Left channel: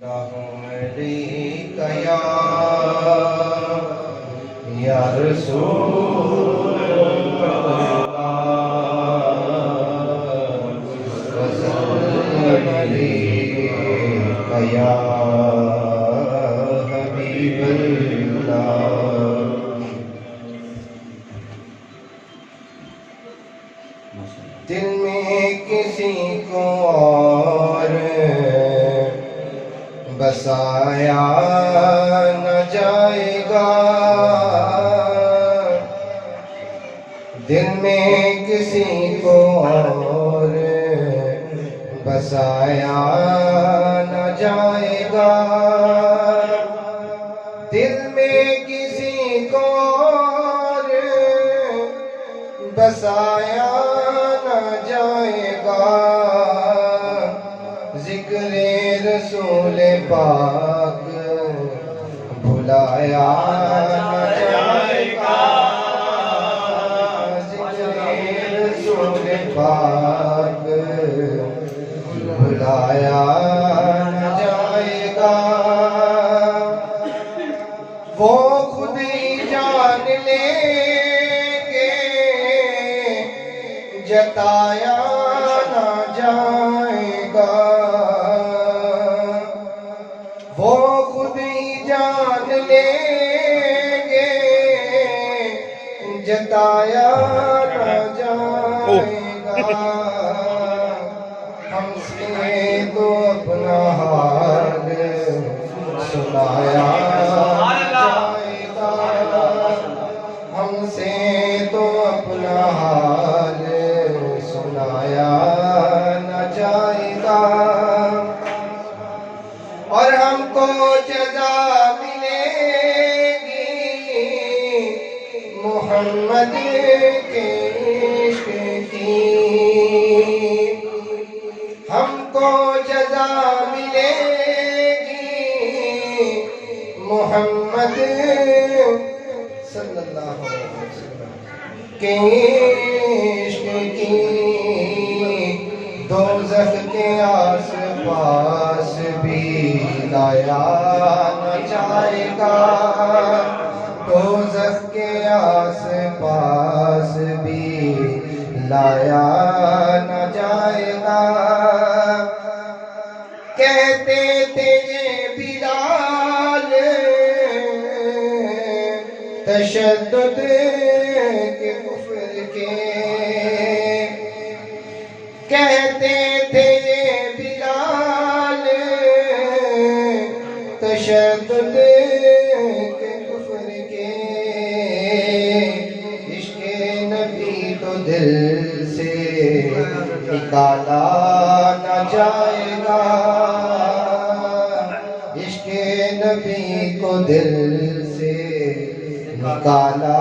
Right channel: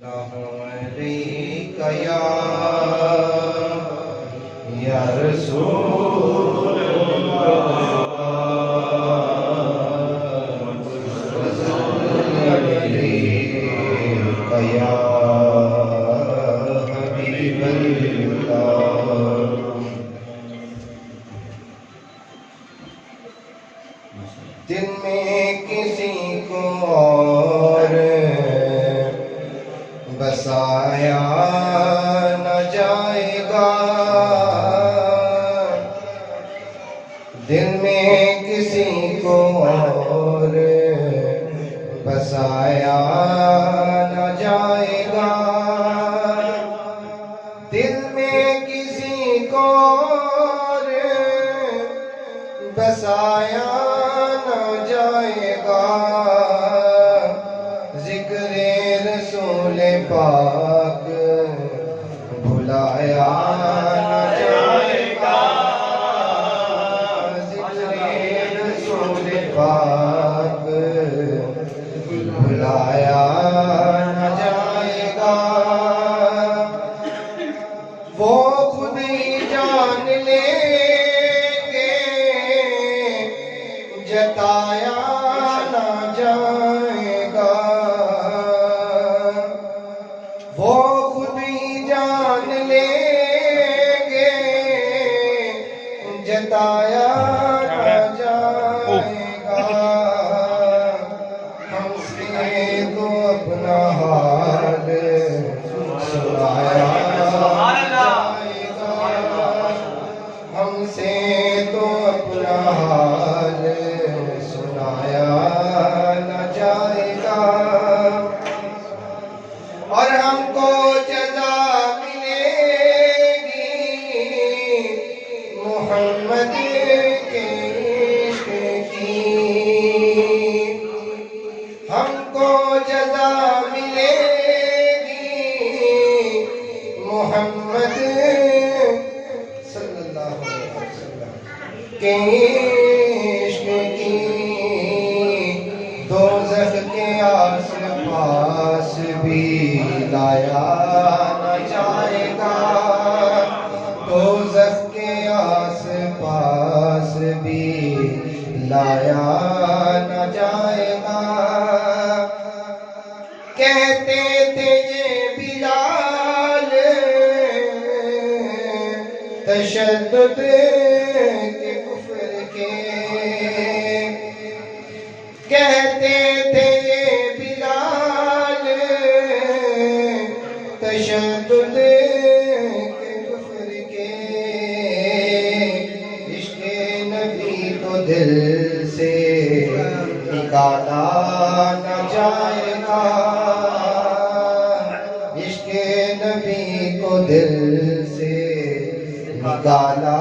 یا رسول یا حبیب اللہ. دل میں کسی کو اور بسایا نہ جائے گا، دل میں کسی کو اور بسایا نہ جائے گا، دل میں کسی کو اور بسایا نہ جائے گا، ذکر رسول پاک بھلایا نہ جائے گا، ذکر رسول پاک بھلایا نہ جائے گا. وہ خود ہی جان لیں گے جتایا نہ جائے گا، وہ خود ہی جان لیں گے جتایا نہ جائے گا. ہم سے تو اپنا حال سنایا جائے گا، ہم سے تو اپنا حال سنایا نہ جائے گا، اور ہم کو جزا ملے گی محمد کے عشق کی، ہم کو جزا ملے گی محمد صلی اللہ علیہ وسلم کے عشق کی. دوزخ کے آس پاس بھی لایا نہ جائے گا، دوزخ کے آس پاس بھی لایا نہ جائے گا. کہتے تھے یہ بلال تشدد کے کفر کے، کہتے تھے یہ بلال تشدد کے کفر کے. عشق نبی تو دل سے نکالا نہ جائے گا، عشق نبی کو دل سے نکالا